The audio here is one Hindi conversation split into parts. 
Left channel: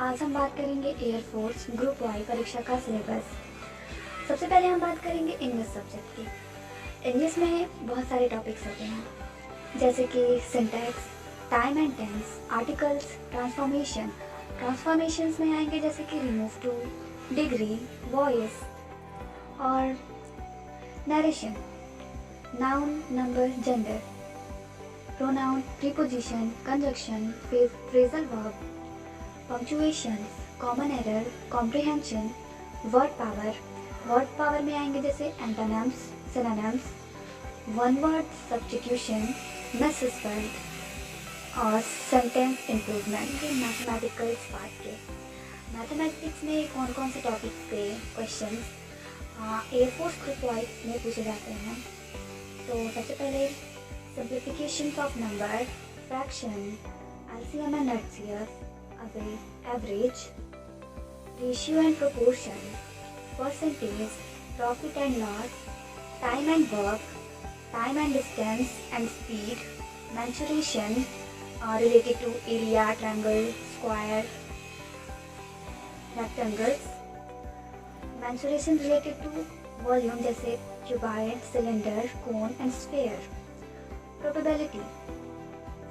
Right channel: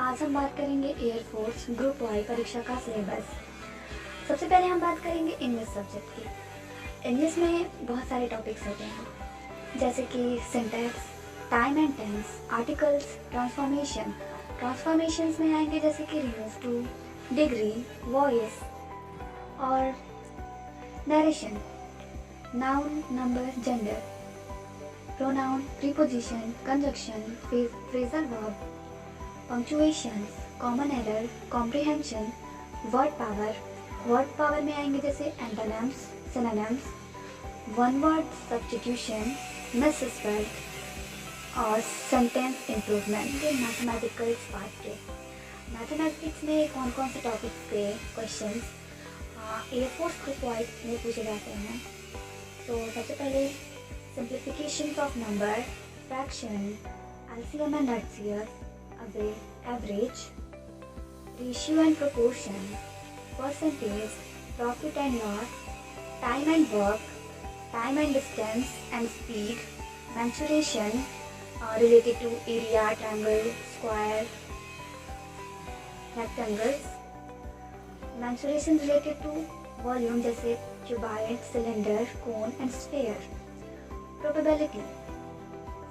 आज हम बात करेंगे एयरफोर्स ग्रुप वाई परीक्षा का सिलेबस। सबसे पहले हम बात करेंगे इंग्लिश सब्जेक्ट की। इंग्लिश में बहुत सारे टॉपिक्स होते हैं जैसे कि syntax, time and tense, articles, transformations में आएंगे जैसे कि रिमूव टू, डिग्री, वॉइस और narration, noun, number, gender, pronoun, preposition, conjunction, phrasal verb, punctuations, common error, comprehension, word power में आएंगे जैसे antonyms, synonyms, one word substitution, misspelled और सेंटेंस इम्प्रूवमेंट। ये मैथमेटिकल्स पार्ट के। मैथमेटिक्स में कौन कौन से टॉपिक्स के क्वेश्चंस एयरफोर्स ग्रुप वाइज में पूछे जाते हैं। तो सबसे पहले simplifications of number, fraction, LCM and HCF, average, ratio and proportion, percentage, profit and loss, time and work, time and distance and speed, mensuration related to area, triangle, square, rectangles, mensuration related to volume जैसे cuboid, cylinder, cone and sphere. Probability,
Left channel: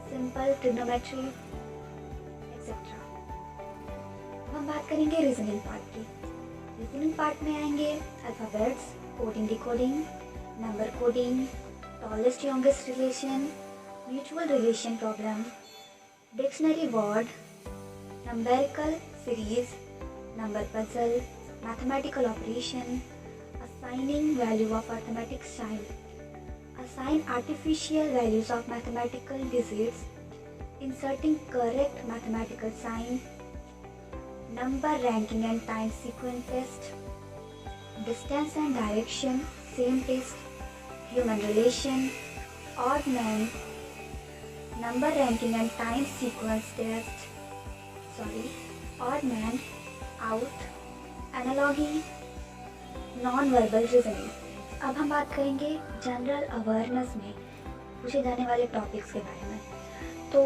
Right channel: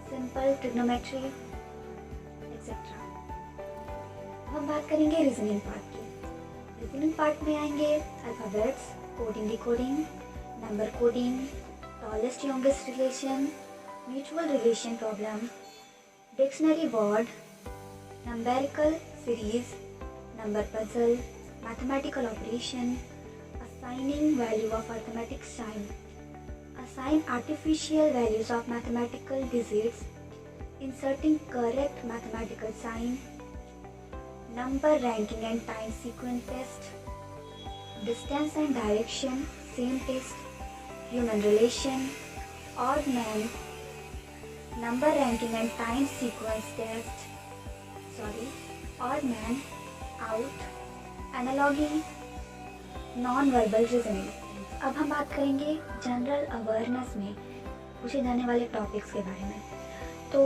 simple trigonometry, etc. हम बात करेंगे रीजनिंग पार्ट की। रीजनिंग पार्ट में आएंगे alphabets, coding, decoding, number coding, tallest youngest relation, mutual relation problem, dictionary word, numerical series, number puzzle, mathematical operation, assigning value of arithmetic sign, assign artificial values of mathematical digits, inserting correct mathematical sign, number ranking and time sequence test, distance and direction, same test, human relation, odd man, number ranking and time sequence test, odd man, out, analogy, non-verbal reasoning। अब हम बात करेंगे जनरल अवेयरनेस में पूछे जाने वाले टॉपिक्स के बारे में। तो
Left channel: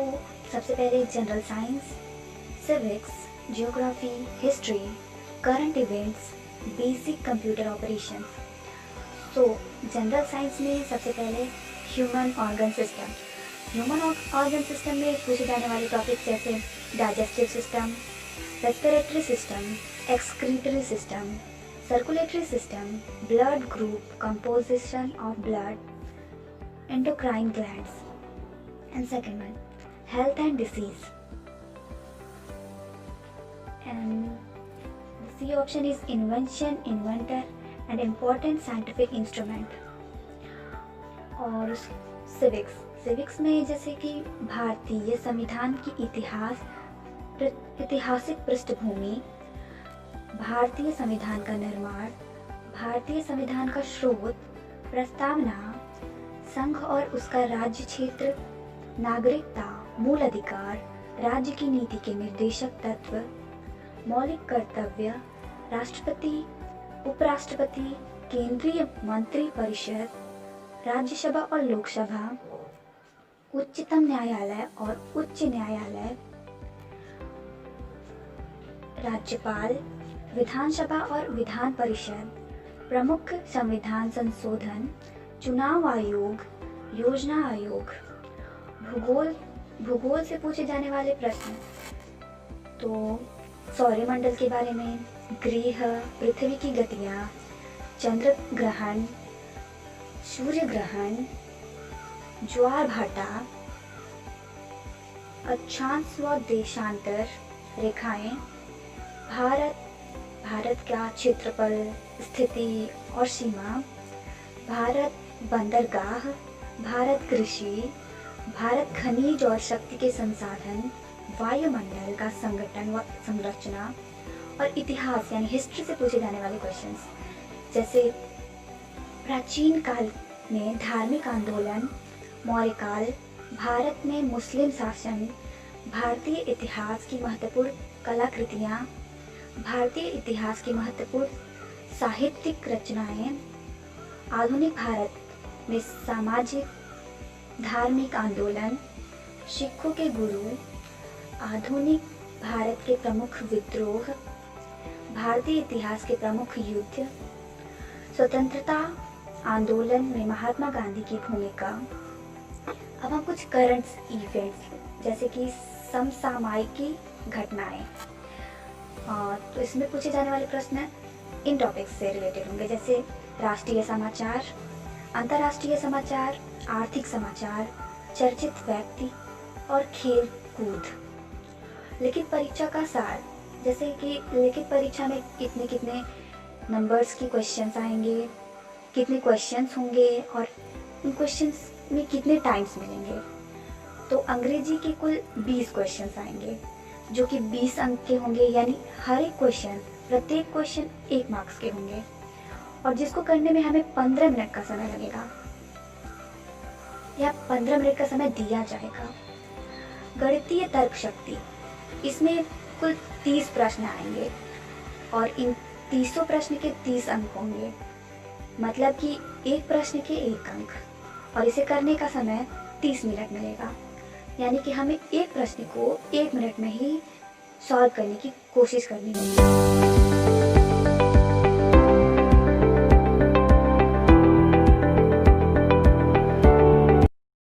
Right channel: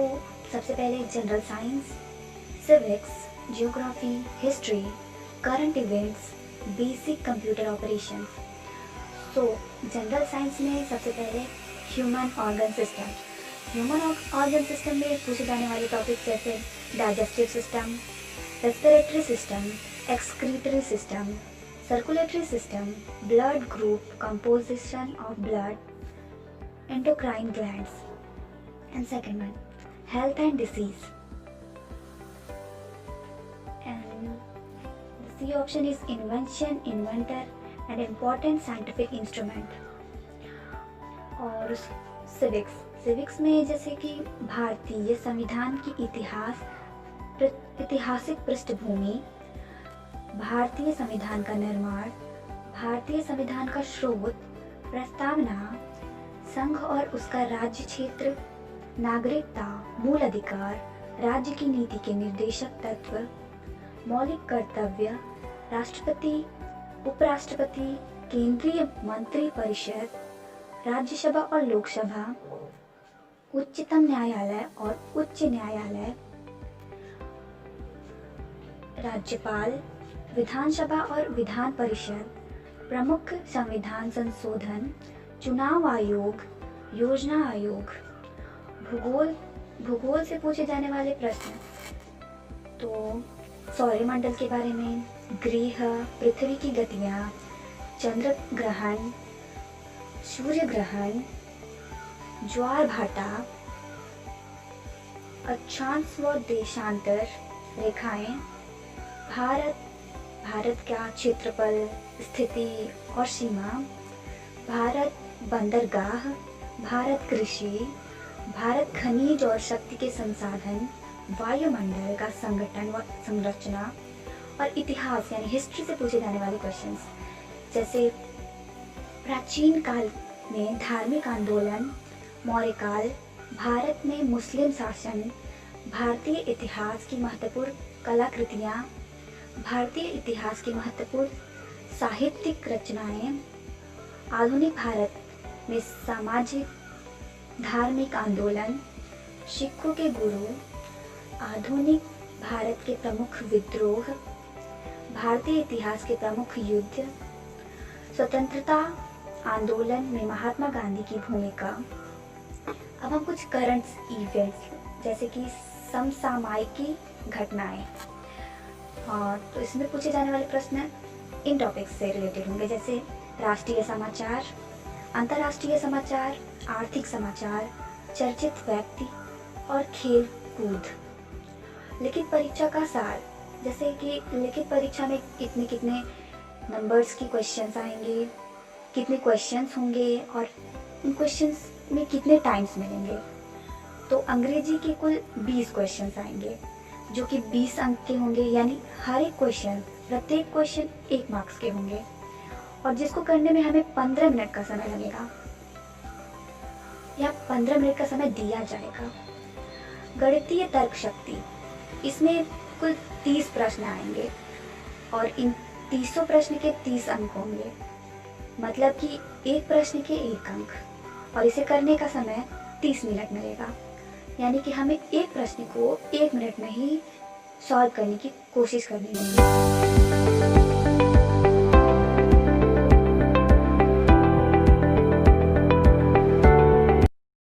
सबसे पहले general science, civics, geography, history, current events, basic computer operations. सो जनरल साइंस में सबसे पहले human organ system. Human organ system में पूछे जाने वाले टॉपिक्स जैसे digestive system, respiratory system, excretory system, circulatory system, blood group, composition of blood, endocrine glands, and second one, health and disease. And the C option is invention, inventor, and important scientific instrument. और civics में जैसे कि भारतीय संविधान की ऐतिहासिक पृष्ठभूमि, भारतीय संविधान का निर्माण, भारतीय संविधान का स्रोत, प्रस्तावना, संघ और उसका राज्य क्षेत्र, नागरिकता, मूल अधिकार, राज्य की नीति के निर्देशक तत्व, मौलिक कर्तव्य, राष्ट्रपति, उपराष्ट्रपति, केंद्रीय मंत्री परिषद, राज्यसभा और लोकसभा, उच्चतम न्यायालय और उच्च न्यायालय, राज्यपाल, विधानसभा और विधान परिषद, प्रमुख संविधान संशोधन, चुनाव आयोग, योजना आयोग। भूगोल से पूछे जाने वाले प्रश्न तो सौरमंडल के बारे में, ग्रह, पृथ्वी की गतियाँ, चंद्र ग्रहण, सूर्य ग्रहण, ज्वार भाटा, अक्षांश व देशांतर रेखाएं, भारत का क्षेत्रफल, स्थिति और सीमा, भारत बंदरगाह, भारत कृषि, भारत खनिज और शक्ति के संसाधन, वायुमंडल का संगठन व संरचना और इतिहास यानी हिस्ट्री से पूछे जाने वाले क्वेश्चंस जैसे प्राचीन काल में धार्मिक आंदोलन, मौर्य काल, भारत में मुस्लिम शासन, भारतीय इतिहास की महत्वपूर्ण कलाकृतियाँ, भारतीय इतिहास की महत्वपूर्ण साहित्यिक रचनाएं, आधुनिक भारत में सामाजिक धार्मिक आंदोलन, सिखों के गुरु, आधुनिक भारत के प्रमुख विद्रोह, भारतीय इतिहास के प्रमुख युद्ध, स्वतंत्रता आंदोलन में महात्मा गांधी की भूमिका। अब हम कुछ करंट इवेंट्स जैसे कि समसामयिकी घटनाएं, तो इसमें पूछे जाने वाले प्रश्न इन टॉपिक्स से रिलेटेड होंगे, जैसे राष्ट्रीय समाचार, अंतर्राष्ट्रीय समाचार, आर्थिक समाचार, चर्चित व्यक्ति और खेल कूद। लिखित परीक्षा का सार, जैसे कि लिखित परीक्षा में कितने कितने नंबर्स की क्वेश्चंस आएंगे, कितने क्वेश्चंस होंगे और उन क्वेश्चंस में कितने टाइम्स मिलेंगे। तो अंग्रेजी के कुल 20 क्वेश्चंस आएंगे जो कि 20 अंक के होंगे, यानी हर एक क्वेश्चन, प्रत्येक क्वेश्चन 1 मार्क्स के होंगे और जिसको करने में हमें 15 मिनट का समय लगेगा या 15 मिनट का समय दिया जाएगा। गणितीय तर्क शक्ति, इसमें कुल 30 प्रश्न आएंगे और इन 30 प्रश्न के 30 अंक होंगे, मतलब कि एक प्रश्न के 1 अंक, और इसे करने का समय 30 मिनट मिलेगा, यानी कि हमें एक प्रश्न को 1 मिनट में ही सॉल्व करने की कोशिश करनी होगी।